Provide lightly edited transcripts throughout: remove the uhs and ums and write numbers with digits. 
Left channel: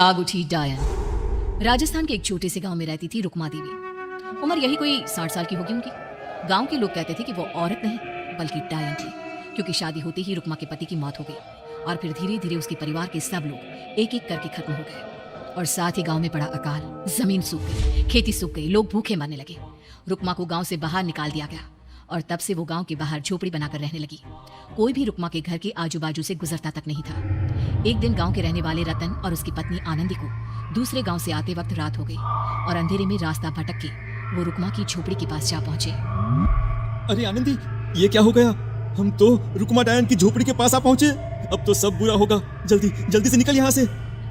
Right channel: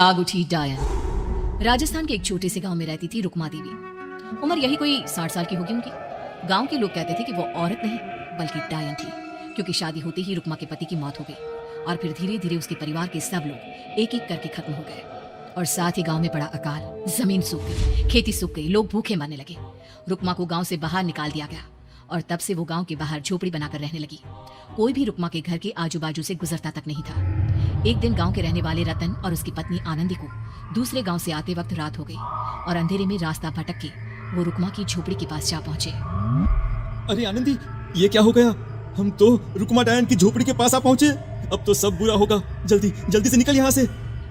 आग उठी डायन। राजस्थान के एक छोटे से गांव में रहती थी रुक्मा देवी। उम्र यही कोई 60 साल की होगी उनकी। गांव के लोग कहते थे कि वो औरत नहीं बल्कि डायन थी, क्योंकि शादी होते ही रुक्मा के पति की मौत हो गई और फिर धीरे धीरे उसके परिवार के सब लोग एक एक करके खत्म हो गए और साथ ही गांव में बड़ा अकाल, जमीन सूख गई, खेती सूख गई, लोग भूखे मरने लगे। रुक्मा को गांव से बाहर निकाल दिया गया और तब से वो गांव के बाहर झोपड़ी बनाकर रहने लगी। कोई भी रुक्मा के घर की आजू बाजू से गुजरता तक नहीं था। एक दिन गांव के रहने वाले रतन और उसकी पत्नी आनंदी को दूसरे गांव से आते वक्त रात हो गई और अंधेरे में रास्ता भटक के वो रुक्मा की झोपड़ी के पास जा पहुंचे। अरे आनंदी, ये क्या हो गया? हम तो रुक्मा डायन की झोपड़ी के पास आ पहुंचे। अब तो सब बुरा होगा। जल्दी जल्दी से निकल यहाँ से।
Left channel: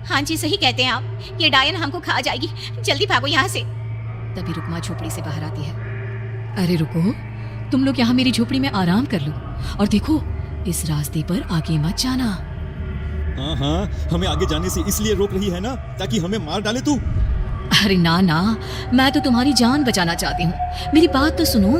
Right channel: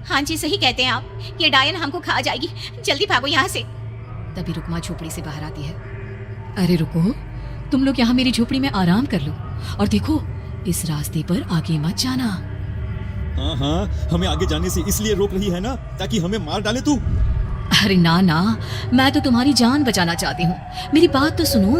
हाँ जी, सही कहते हैं आप। ये डायन हमको खा जाएगी, जल्दी भागो यहाँ से। तभी रुक्मा झोपड़ी से बाहर आती है। अरे रुको, तुम लोग यहाँ मेरी झोपड़ी में आराम कर लो और देखो इस रास्ते पर आगे मत जाना। हाँ, हमें आगे जाने से इसलिए रोक रही है ना, ताकि हमें मार डाले तू। अरे ना ना, मैं तो तुम्हारी जान बचाना चाहती हूँ, मेरी बात तो सुनो।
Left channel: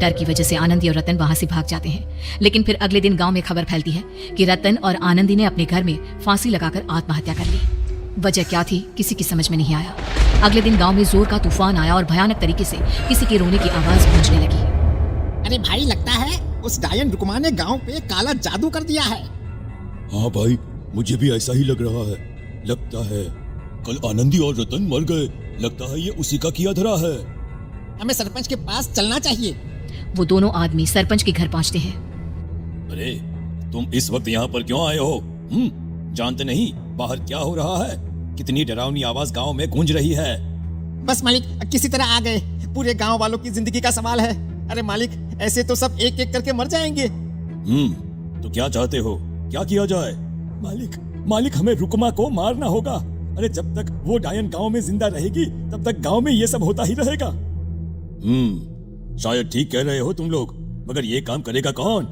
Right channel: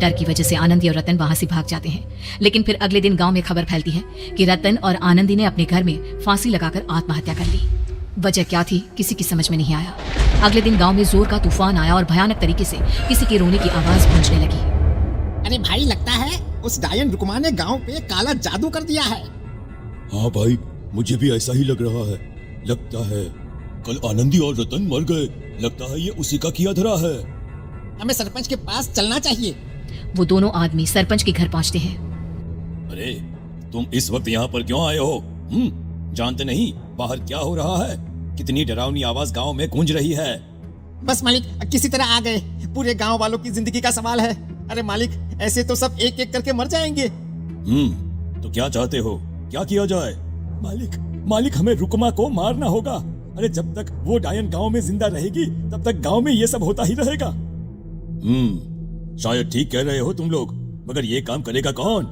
डर की वजह से आनंदी और रतन वहाँ से भाग जाते हैं, लेकिन फिर अगले दिन गांव में खबर फैलती है कि रतन और आनंदी ने अपने घर में फांसी लगाकर आत्महत्या कर ली। वजह क्या थी किसी की समझ में नहीं आया। अगले दिन गांव में जोर का तूफान आया और भयानक तरीके से किसी के रोने की आवाज गूंजने लगी। अरे भाई, लगता है उस डायन रुक्मा ने गांव पे काला जादू कर दिया है। हाँ भाई, मुझे भी ऐसा ही लग रहा है। लगता है कल आनंदी और रतन मर गए। लगता है ये उसी का किया धरा है। हमें सरपंच के पास चलना चाहिए। वो दोनों आदमी सरपंच के घर पहुंचते हैं। अरे तुम इस वक्त यहाँ पर क्यों आए हो? जानते नहीं बाहर क्या हो रहा है? कितनी डरावनी आवाज गांव में गूंज रही है। बस मालिक, किसी तरह आ गए। पूरे गांव वालों की जिंदगी का सवाल है। अरे मालिक, ऐसे तो सब एक एक करके मर जाएंगे। तो क्या चाहते हो? क्या किया जाए? मालिक हमें रुक्मा को मारना होगा। अरे जब तक वो डायन गांव में जिंदा रहेगी तब तक गांव में ये सब होता ही रहेगा। शायद ठीक कह रहे हो तुम लोग, मगर ये काम करेगा कौन?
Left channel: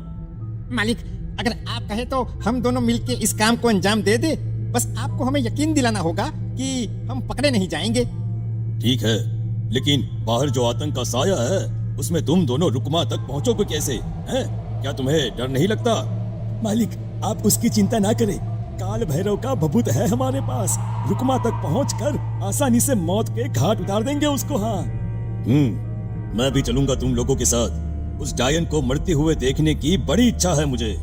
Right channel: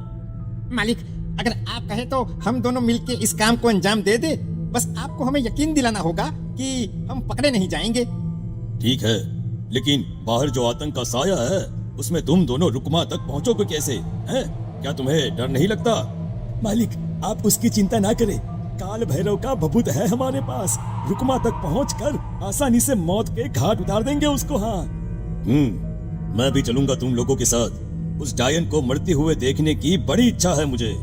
मालिक, अगर आप कहे तो हम दोनों मिलके इस काम को अंजाम दे दे। बस आपको हमें यकीन दिलाना होगा कि हम पकड़े नहीं जाएंगे। ठीक है, लेकिन बाहर जो आतंक का साया है उसमें तुम दोनों रुक्मा तक पहुंचोगे कैसे? हैं? क्या तुम्हें डर नहीं लगता? मालिक, आप उसकी चिंता ना करें। काल भैरव का भभूत है हमारे पास। रुक्मा तक पहुंचकर आसानी से मौत पे घाट उतार देंगे उसको। हाँ, मैं भी चलूंगा तुम लोगों के साथ। उस डायन को मरते हुए देखने की बड़ी इच्छा है मुझे।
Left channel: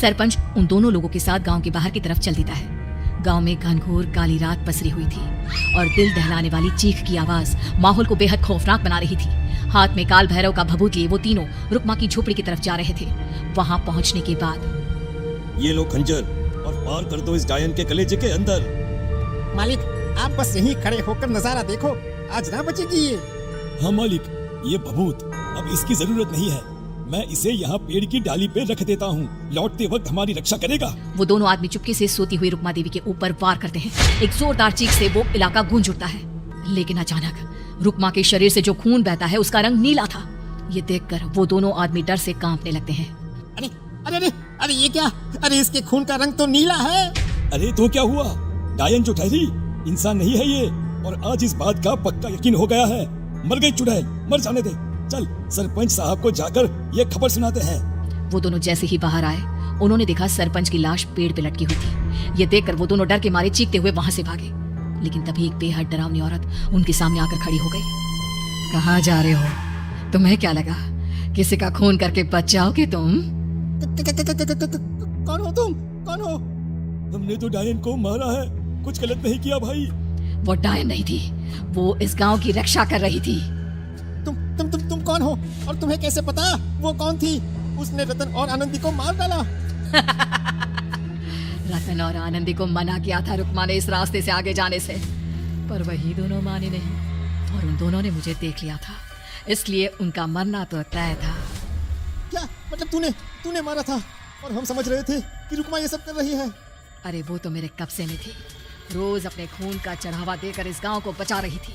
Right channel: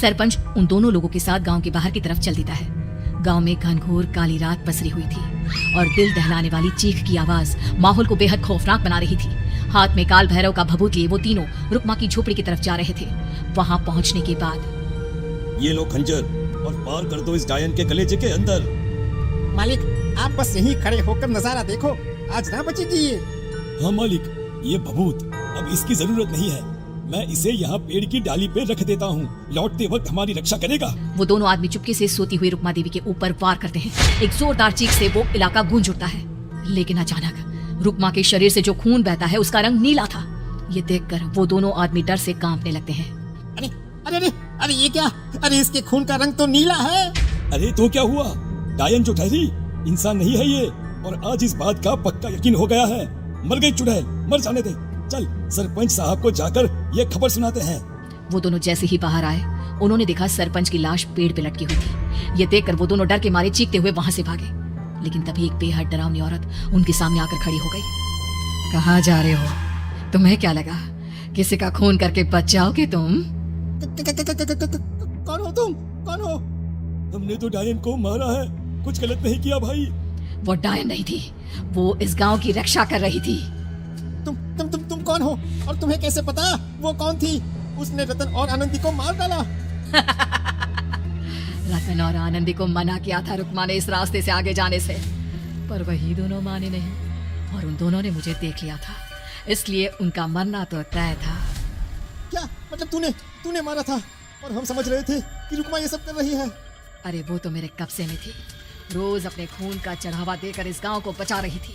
सरपंच उन दोनों लोगों के साथ गांव के बाहर की तरफ चल देता है। गांव में घनघोर काली रात पसरी हुई थी और दिल दहलाने वाली चीख की आवाज माहौल को बेहद खौफनाक बना रही थी। हाथ में काल भैरव का भभूत लिए वो तीनों रुक्मा की झोपड़ी की तरफ जा रहे थे। वहां पहुंचने के बाद ये लो खंजर और पार कर दो इस डायन के कलेजे के अंदर। मालिक, आप बस यहीं खड़े होकर नजारा देखो, आज ना बचेगी ये। हाँ मालिक, ये भभूत अब इसकी जरूरत नहीं है। मैं इसे यहाँ पेड़ की डाली पे रख देता हूँ। लौटते वक्त हमारी रक्षा करेगा। वो दोनों आदमी चुपके से सोती हुई रुक्मा देवी के ऊपर वार करते हैं। एक जोरदार चीख से वो इलाका गूंज उठता है, लेकिन अचानक रुक्मा के शरीर से जो खून बहता है उसका रंग नीला था। ये देखकर वो दोनों आदमी डर से कांपने लगते हैं। अरे अरे अरे अरे, ये क्या? अरे इसके खून का रंग तो नीला है। अरे तो क्या हुआ? डायन जो ठहरी इंसान नहीं है ये, और आज इस बात का पक्का यकीन हो गया है। मर गई चुड़ैल, मर जाने दे। चल सरपंच साहब को जाकर ये खबर सुनाते हैं। वो दोनों जैसे ही बाहर आए उन्होंने देखा सरपंच की लाश पेड़ पे लटकी हुई थी। ये देखकर वो दोनों डर के मारे चीखते हुए वहां से भागे, लेकिन तभी एक बेहद डरावनी औरत उनके सामने आकर खड़ी हो गई। कहाँ जा रहे हो? तुम्हें क्या लगा किसी का खून करके बच जाओगे तुम? कौन हो तुम? कौन हो? हमने तो डायन को मारा है, कुछ गलत नहीं किया भाई। वो डायन नहीं थी, वो इस गांव की रक्षा कर रही थी। तुम कौन हो? और तुम्हें कैसे पता वो कौन थी? उसने रतन और आनंदी को मार डाला। रतन और आनंदी को मना किया था रुक्मा ने इस रास्ते से आगे जाने से, पर वही दोनों माने नहीं और उन दोनों ने मुझे देख लिया था, इसलिए उनका मरना तो तय था। क्या मतलब तूने मारा था? और हम समझ रहे थे कि रुक्मा ये सब कर रही है। अरे वो तो मेरे कब्जे में थी, रोज अपने खून का चढ़ावा देकर इस गांव को बचा रही थी,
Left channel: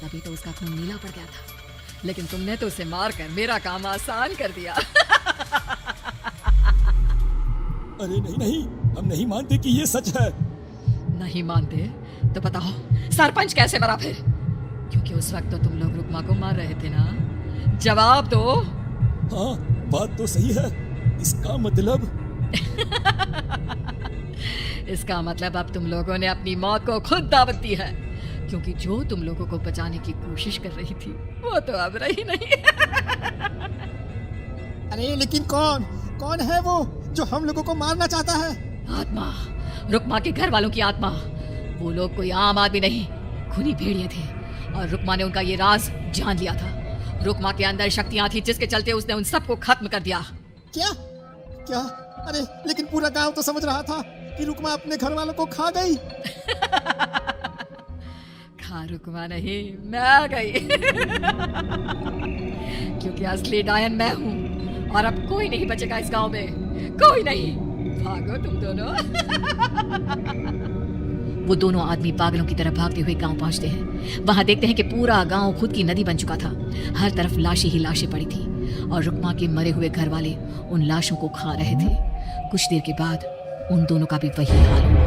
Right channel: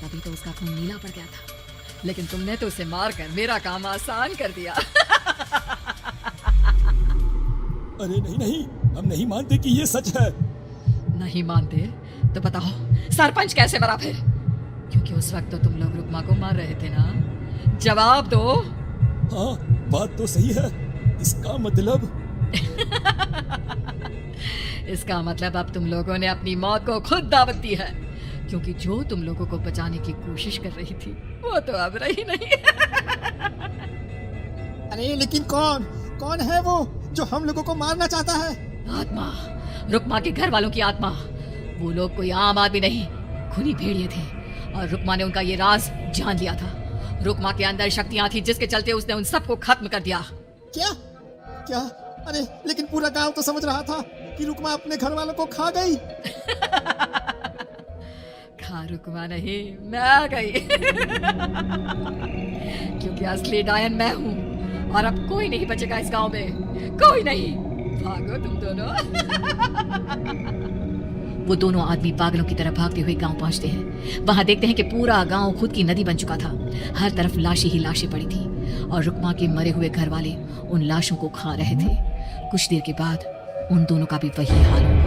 तभी तो उसका खून नीला पड़ गया था। लेकिन तुमने तो उसे मारकर मेरा काम आसान कर दिया। अरे नहीं, हम नहीं मानते कि ये सच है। नहीं मानते तो बताओ सरपंच कैसे मरा फिर? क्योंकि उस वक्त तो तुम लोग रुक्मा को मार रहे थे ना, जवाब दो। हाँ, बात तो सही है। इसका मतलब इसका मतलब अब तुम लोगों ने अपनी मौत को खुद दावत दी है, क्योंकि जो तुम लोगों को बचाने की कोशिश कर रही थी वो तो अब रही नहीं। अरे लेकिन कौन कौन है वो जो हम लोगों को मारना चाहता है? आत्मा, रुकमा के घर वालों की आत्मा। वो लोग कोई आम आदमी नहीं, खूनी भेड़िए थे और रुकमा ने उनका ये राज जान लिया था। रुकमा के अंदर शक्तियां थी जिसके चलते उसने उन सबको खत्म कर दिया। क्या क्या? अरे लेकिन पूरा गांव तो समझ रहा था कि रुकमा अपने घर वालों को खा गई। खा रुकमा नहीं, मैं आ गई। क्योंकि असली डायन मैं हूँ और अब कोई नहीं बचेगा इस गांव में, कोई नहीं। भागो तुम दोनों। वो दोनों आदमी पागलों की तरह भागते हुए गांव पहुंचते हैं। वहां देखते हैं कि पूरा गांव खुद की नदी बन चुका था। हर तरफ लाशें ही लाशें पड़ी थी और रुकमा के मरे हुए घर वाले उन लाशों को खा रहे थे। कुछ देर के बाद उन दोनों का भी वही हाल हुआ।